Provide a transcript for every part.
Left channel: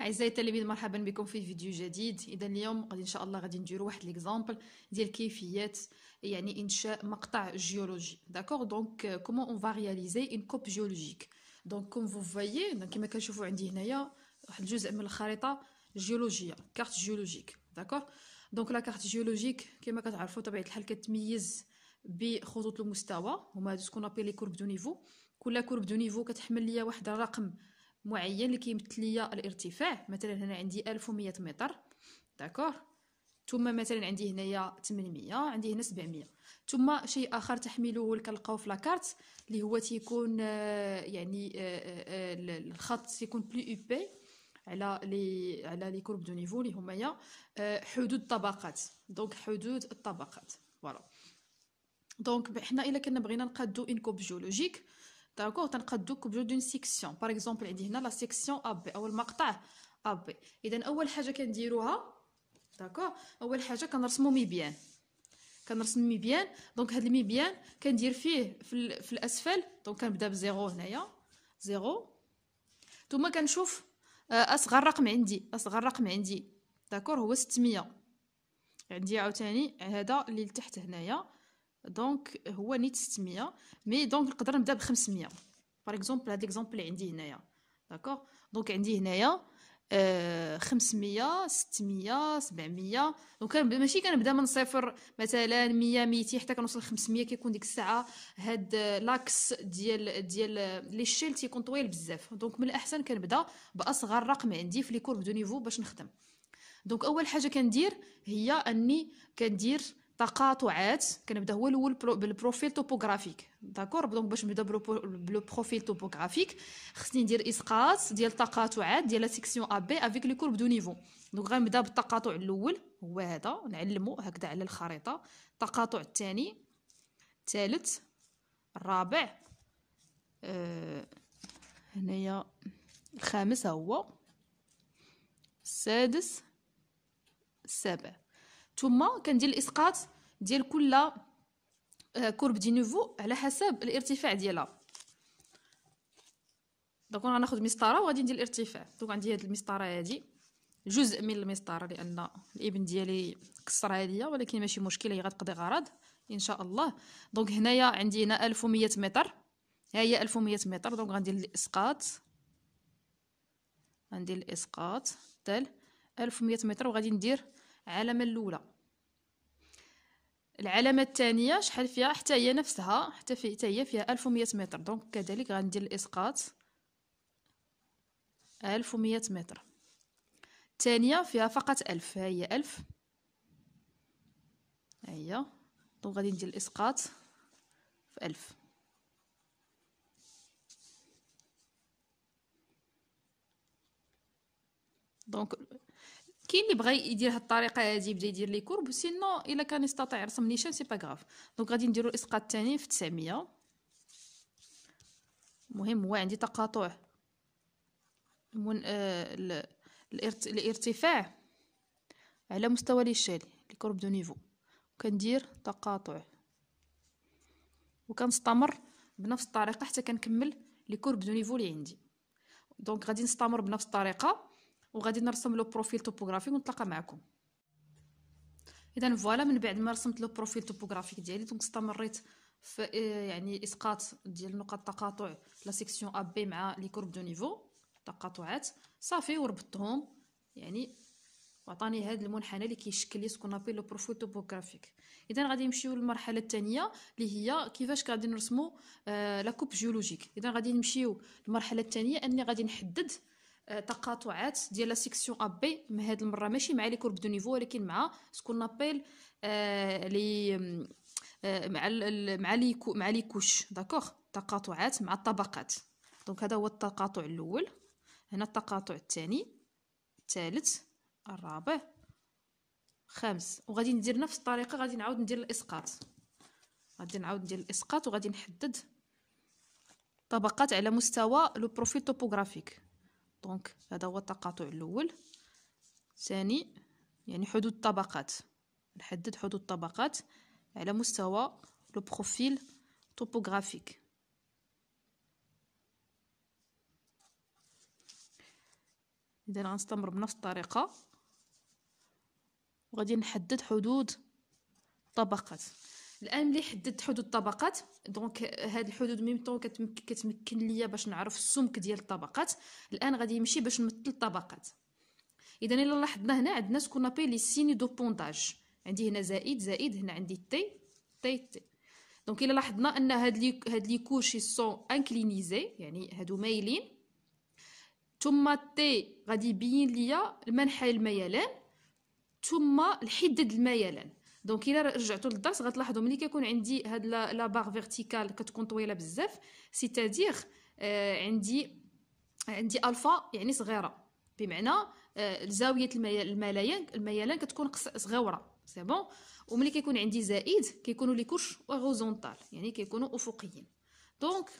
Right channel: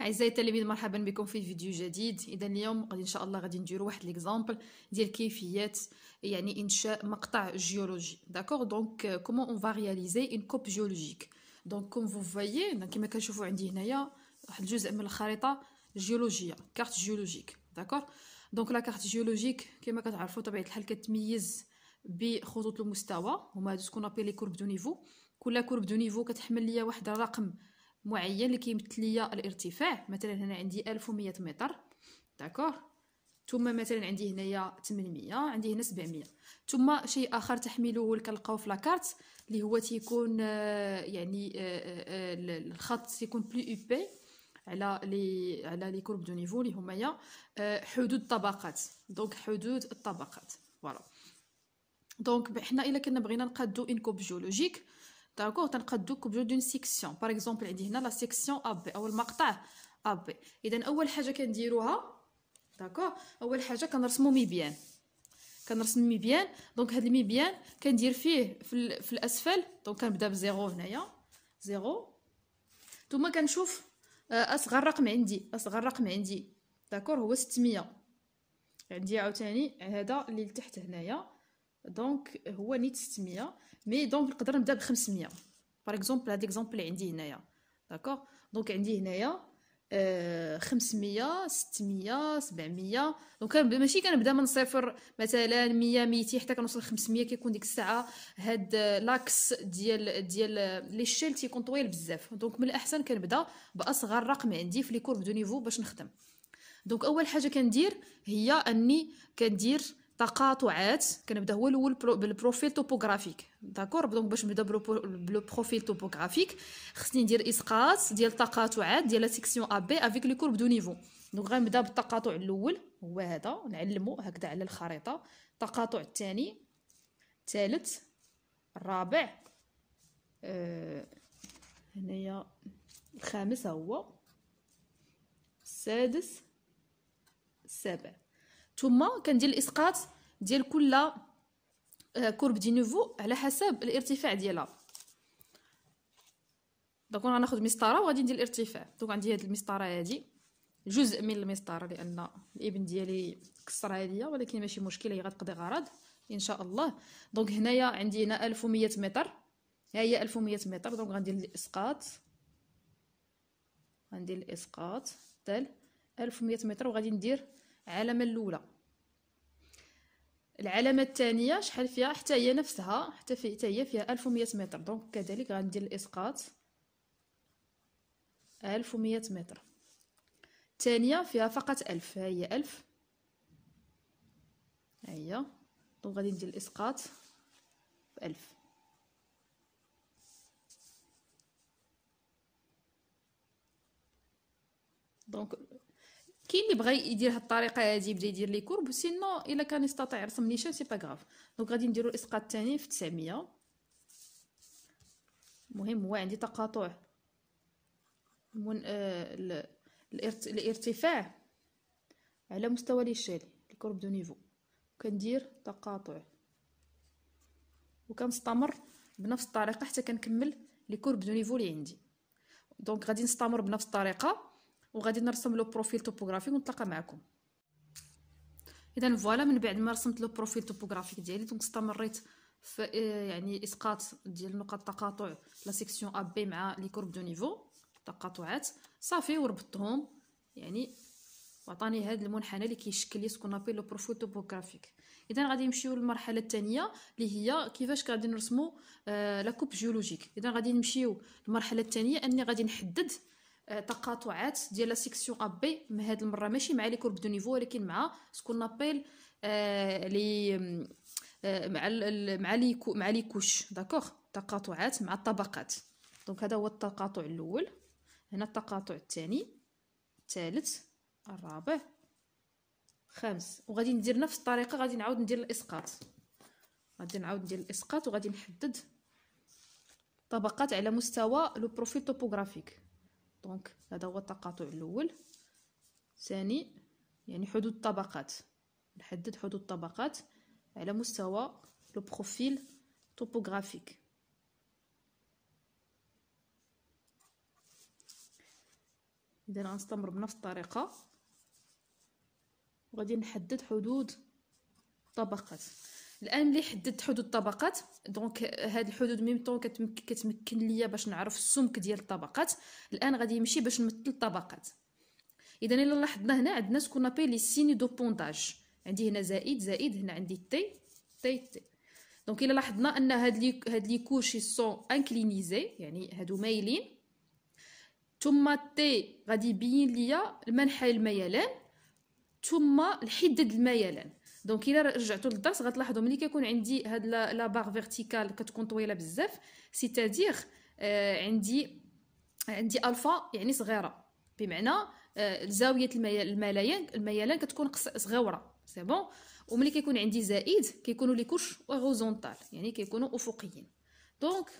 اعزائي التلاميذ، مرحبا بكم في فيديو جديد. اذا اليوم غادي ان شاء الله غادي نديروا واحد ليكزامبل ديال كيفيه يعني انشاء مقطع جيولوجي. داكوغ دونك كومون اون فا رياليزي اون كوب جيولوجيك. دونك كوم فو فوايي كيما كنشوفوا عندي هنايا واحد الجزء من الخريطه جيولوجيه، كارت جيولوجيك. داكوغ دونك لا كارت جيولوجيك كيما كتعرفوا طبيعه الحال كتميز بخطوط المستوى، هما هادو سكون ابي لي كورب دو نيفو. كل كورب دو نيفو كتحمل ليا واحد الرقم معين اللي كيمثل ليا الارتفاع. مثلا هنا عندي 1100 متر. داكوغ ثم مثلا عندي هنايا 800، عندي هنا 700. ثم شيء اخر تحميله كنلقاو في لاكارت اللي هو تيكون يعني الخط يكون بلو ايبي على لي كورب دو نيفو اللي هما حدود الطبقات. دونك حدود الطبقات فوالا. دونك حنا الا كنا بغينا نقادو ان كوب جيولوجيك، داكوغ تنقادو كوب دون سيكسيون. باغ اكزومبل عندي هنا لا سيكسيون ا بي او المقطع ا بي. اذا اول حاجه كنديروها، داكوغ اول حاجه كنرسمو ميبيان. كنرسم ميبيان. دونك هاد الميبيان كندير فيه في الاسفل. دونك كنبدا بزيرو هنايا، زيرو. ثم كنشوف اصغر رقم عندي، داكوغ هو 600. عندي عاوتاني هذا اللي لتحت هنايا، دونك هو نيت 600. مي دونك نقدر نبدا ب 500. باغ اكزومبل هاد ليكزومبل اللي عندي هنايا، داكوغ دونك عندي هنايا 500 600 700. دونك ماشي كنبدا من صفر مثلا 100 200 حتى كنوصل 500. كيكون ديك الساعه هاد لاكس ديال لي شيل تيكون طويل بزاف. دونك من الاحسن كنبدا باصغر رقم عندي في لي كورب دو نيفو باش نخدم. دونك اول حاجه كندير هي اني كندير تقاطعات. كنبدا هو الاول بالبروفيل توبوغرافيك. داكور دونك باش نبدا بالبروفيل توبوغرافيك خصني ندير اسقاط ديال التقاطعات ديال لا سيكسيون ا بي افيك لي كورب دو نيفو. دونك غنبدا بالتقاطع الاول هو هذا، نعلمو هكذا على الخريطه. التقاطع الثاني، الثالث، الرابع، هنايا الخامس هو السادس، السابع. ثم كندير الاسقاط ديال كل كورب دي نوفو على حسب الارتفاع ديالها. دونك غناخذ مسطره وغادي ندير الارتفاع. دونك عندي هاد المسطره هادي جزء من المسطره لان الابن ديالي كسرها ليا، ولكن ماشي مشكل، هي غتقضي غرض ان شاء الله. دونك هنايا عندي هنا 1100 متر، ها هي 1100 متر. دونك غندير الاسقاط، غندير الاسقاط ديال 1100 متر وغادي ندير العلامه الاولى. العلامه الثانيه شحال فيها؟ حتى هي نفسها، حتى هي فيها 1100 متر. دونك كذلك غندير الاسقاط 1100 متر. الثانيه فيها فقط 1000، ها هي 1000، ها هي. دونك غادي ندير الاسقاط في 1000. دونك كاين اللي بغى يدير هاد الطريقه هادي يبدا يدير لي كورب، سينو الا كان يستطيع يرسم نيشان سي با غاف. دونك غادي نديرو الاسقاط الثاني في 900. المهم هو عندي تقاطع الارتفاع على مستوى لي شالي لي كورب دو نيفو. كندير تقاطع وكنستمر بنفس الطريقه حتى كنكمل لي كورب دو نيفو اللي عندي. دونك غادي نستمر بنفس الطريقه وغادي نرسم لو بروفيل توبوغرافيك ونتلاقى معكم. اذا فوالا من بعد ما رسمت لو بروفيل توبوغرافيك ديالي، دونك استمريت في يعني اسقاط ديال نقاط التقاطع لا سيكسيون ا بي مع لي كورب دو نيفو تقاطعات صافي وربطتهم يعني، وعطاني هذا المنحنى اللي كيشكل لي سكون ابي لو بروفيل توبوغرافيك. اذا غادي نمشيو للمرحله الثانيه اللي هي كيفاش غادي نرسمو لا كوب جيولوجيك. اذا غادي نمشيو للمرحله الثانيه اني غادي نحدد تقاطعات ديال لا سيكسيون ا بي. هاد المره ماشي مع لي كورب دو نيفو ولكن مع سكون ابيل لي مع لي كوش. داكوغ تقاطعات مع الطبقات. دونك هذا هو التقاطع الاول، هنا التقاطع الثاني، الثالث، الرابع، الخامس. وغادي ندير نفس الطريقه، غادي نعاود ندير الاسقاط، غادي نعاود ندير الاسقاط وغادي نحدد طبقات على مستوى لو بروفيل توبوغرافيك. دونك هذا هو التقاطع الاول. ثاني يعني حدود الطبقات، نحدد حدود الطبقات على مستوى لو بروفيل توبوغرافيك. اذا غنستمر بنفس الطريقه وغادي نحدد حدود طبقات. الان ملي حددت حدود الطبقات دونك هاد الحدود ميمطون كتمكن ليا باش نعرف السمك ديال الطبقات. الان غادي نمشي باش نمثل الطبقات. اذا الا لاحظنا هنا عندنا سكون ابي لي سيني دو بونتاج، عندي هنا زائد زائد، هنا عندي تي تي تي. دونك الا لاحظنا ان هاد لي كوشي سون انكلينيزي يعني هادو مايلين، ثم تي غادي يبين ليا المنحى الميلان ثم الحدة الميلان. دونك الا رجعتوا للدرس غتلاحظوا ملي كيكون عندي هاد لا باغ فيرتيكال كتكون طويله بزاف، سيتادير عندي الفا يعني صغيره، بمعنى زاويه الميلان كتكون صغيره، سي بون. وملي كيكون عندي زائد كيكونوا لي كوش اوريزونتال يعني كيكونوا افقيين. دونك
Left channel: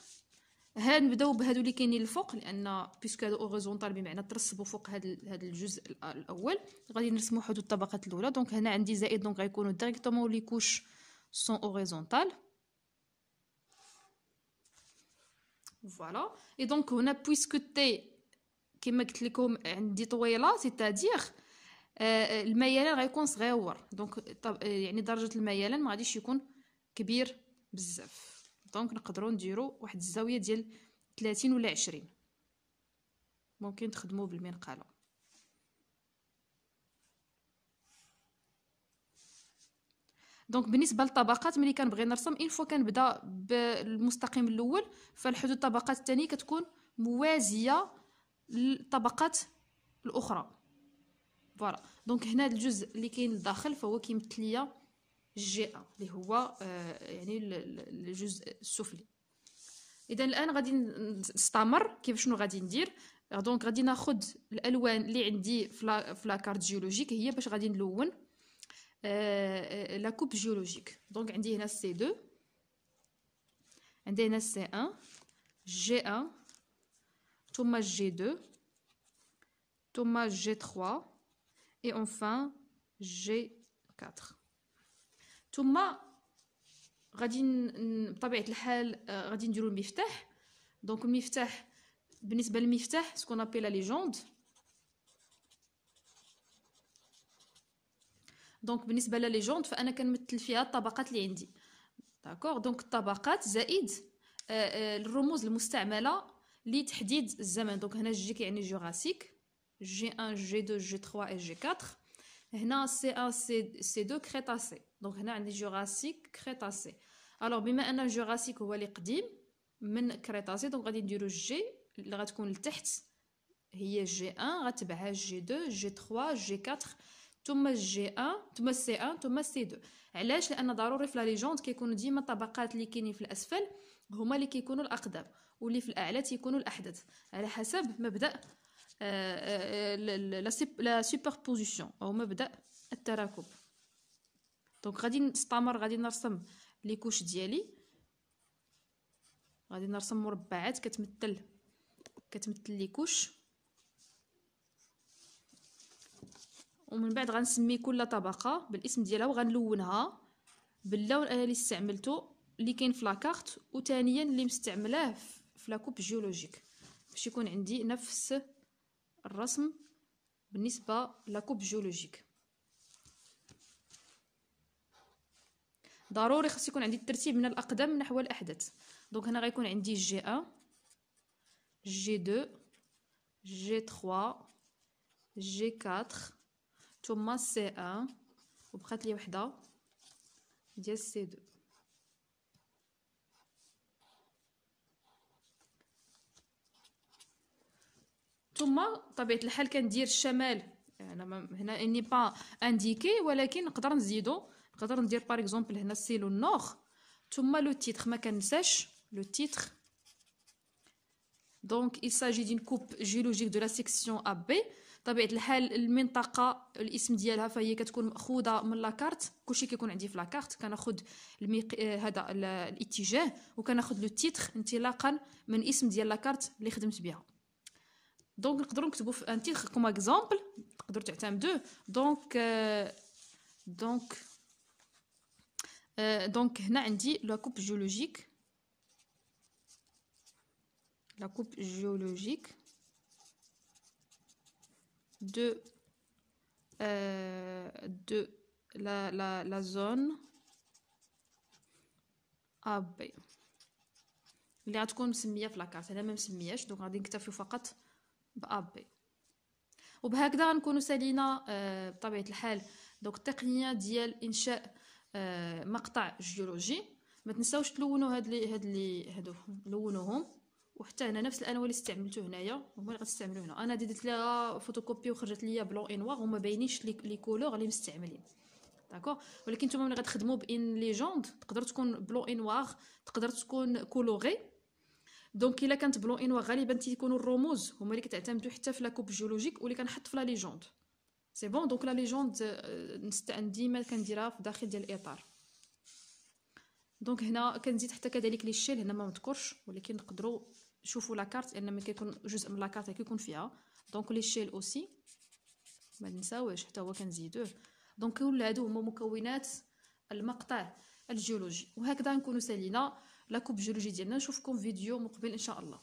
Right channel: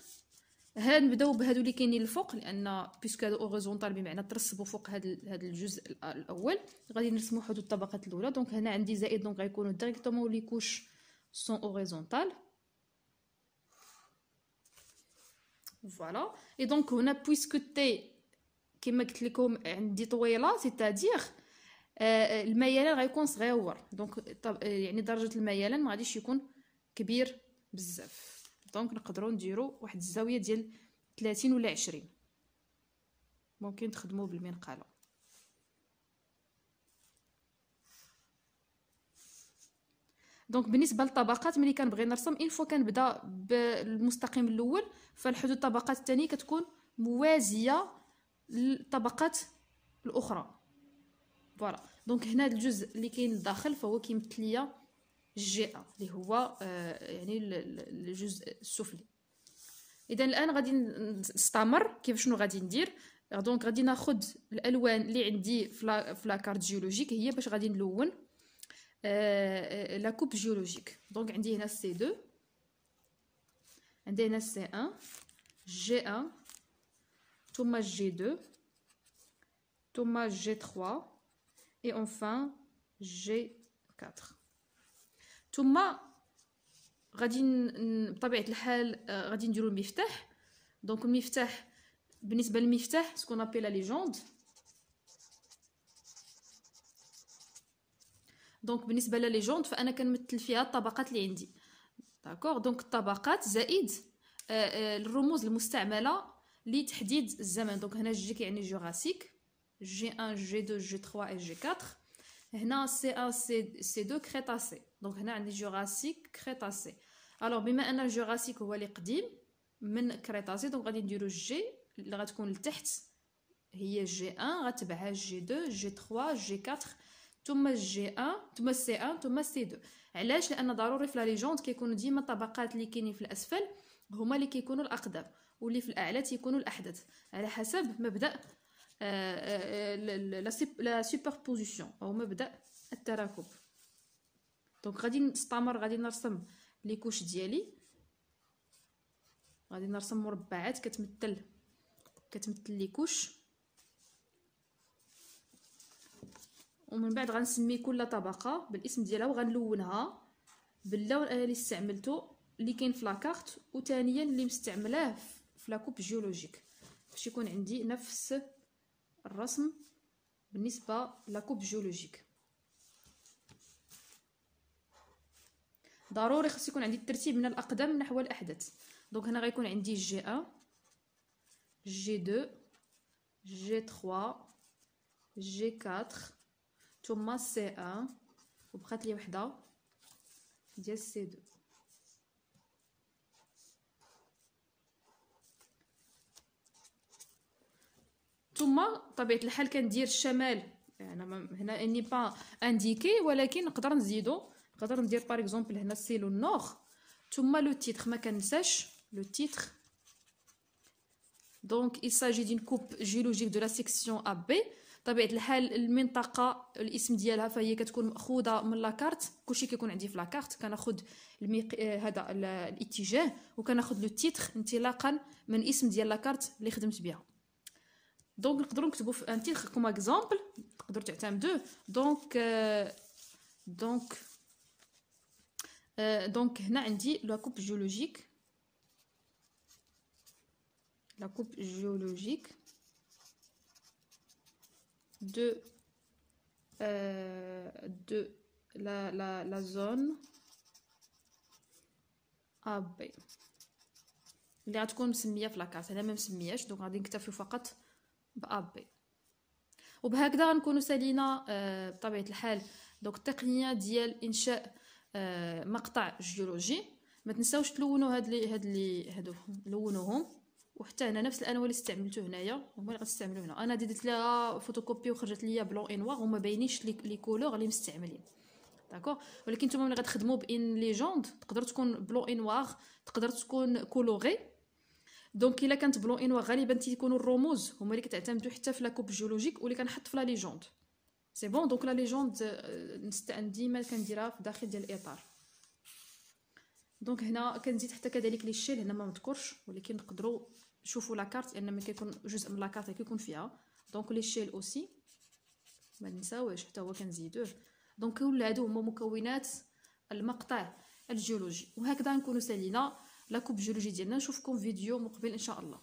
نبداو بهادو اللي كاينين الفوق، لان بيسكو هادو اوريزونتال بمعنى ترسبوا فوق هاد الجزء الاول. غادي نرسموا حدود الطبقات الاولى. دونك هنا عندي زائد، دونك غيكونوا ديريكتومون لي كوش سون اوريزونتال. فوالا. اي دونك هنا بويسكو تي كما قلت لكم عندي طويله، سيتادير الميلان غيكون صغيور، دونك يعني درجه الميلان ما غاديش يكون كبير بزاف. دونك نقدروا نديروا واحد الزاويه ديال 30 ولا 20، ممكن تخدموا بالمنقله. دونك بالنسبه للطبقات ملي كنبغي نرسم اون فوا كنبدا بالمستقيم الاول، فالحدود الطبقات الثانيه كتكون موازيه للطبقات الاخرى. فوالا. دونك هنا الجزء اللي كاين لداخل فهو كيمثل ليا جي ا اللي هو يعني الجزء السفلي. اذا الان غادي نستمر كيف شنو غادي ندير. دونك غادي ناخذ الالوان اللي عندي في لا كارت جيولوجيك، هي باش غادي نلون لا كوب جيولوجيك. دونك عندي هنا سي 2، عندي هنا سي 1، جي 1، ثم جي 2، ثم جي 3 et enfin G4. ثم غادي بطبيعه الحال غادي نديرو المفتاح. دونك المفتاح بالنسبه للمفتاح سكون ابي لا ليجوند. دونك بالنسبه لا ليجوند فانا كنمثل فيها الطبقات اللي عندي، داكوغ. دونك الطبقات زائد الرموز المستعمله لتحديد الزمن. دونك هنا جي كيعني جوراسيك، G1, G2, G3 et G4. هنا C1, C2 كريتاسي. دونك هنا عندي جوراسيك كريتاسي. الوغ بما ان الجوراسيك هو اللي قديم من كريتاسي، دونك غادي نديرو جي اللي غتكون لتحت هي G1، غتبعها G2 G3 G4 ثم G1 ثم C1 ثم C2. علاش؟ لان ضروري في لا ليجوند كيكونوا ديما الطبقات اللي كاينين في الاسفل هما اللي كيكونوا الاقدم، واللي في الاعلى تيكونوا الاحدث على حسب مبدا لا سوبربوزيسيون او مبدا التراكب. دونك غادي نستمر، غادي نرسم لي كوش ديالي، غادي نرسم مربعات كتمثل لي كوش، ومن بعد غنسمي كل طبقه بالاسم ديالها وغنلونها باللون اللي استعملته اللي كاين في لاكارت، وثانيا اللي مستعملاه في لاكوب جيولوجيك باش يكون عندي نفس الرسم بالنسبه لاكوب جيولوجيك. ضروري خص يكون عندي الترتيب من الاقدم نحو الاحدث. دونك هنا غيكون عندي جي 1 جي 2 جي 3 جي 4 ثم سي 1 وبقات لي وحده ديال سي 2. ثم طبيعه الحال كندير الشمال، انا هنا اني با انديكي ولكن نقدر نزيدو، نقدر ندير باغ اكزومبل هنا سي لو نور ثم لو تيتر، ما كنساش لو تيتر. دونك il s'agit d'une coupe géologique de la section AB. طبيعه الحال المنطقه الاسم ديالها فهي كتكون ماخوذه من لاكارت، كلشي كيكون عندي في لاكارت كناخذ هذا الاتجاه وكناخذ لو تيتر انطلاقا من الاسم ديال لاكارت اللي خدمت بها. دونك نقدروا نكتبوا في ان تيتر كوم اكزامبل، تقدروا تعتمدوه. دونك هنا عندي لا كوب جيولوجيك، لا كوب جيولوجيك de la zone AB اللي غتكون مسميه في لاكارت. انا ما مسمياش دونك غادي نكتفيو فقط ب AB. وبهكذا غنكونوا سالينا بطبيعه الحال دونك التقنيه ديال انشاء مقطع جيولوجي. ما تنساوش تلونوا هادو لونوهم، وحتى هنا نفس الالوان اللي استعملتو هنايا هما اللي غتستعملوا هنا. انا درت لها فوتوكوبي وخرجت ليا بلون اي نوار وما باينينش لي كولور اللي مستعملين. داكوغ، ولكن نتوما ملي غتخدموا بان ليجوند تقدر تكون بلون اي نوار، تقدر تكون كولوري. دونك الا كانت بلون اي نوار غالبا تيكونوا الرموز هما اللي كتعتمدوا حتى في لاكوب جيولوجيك واللي كنحط في لا ليجوند. سي بون. دونك لا ليجوند ديما كنديرها في داخل ديال الاطار. دونك هنا كنزيد حتى كذلك لي شيل، هنا ما مذكورش ولكن نقدروا نشوفوا لاكارت لان ملي كيكون جزء من لاكارت كيكون فيها. دونك لي شيل اوسي ما نساوهش حتى هو كنزيدوه. دونك كل هادو هما مكونات المقطع الجيولوجي. وهكذا نكونوا سالينا لاكوب جيولوجي ديالنا. نشوفكم فيديو مقبل ان شاء الله.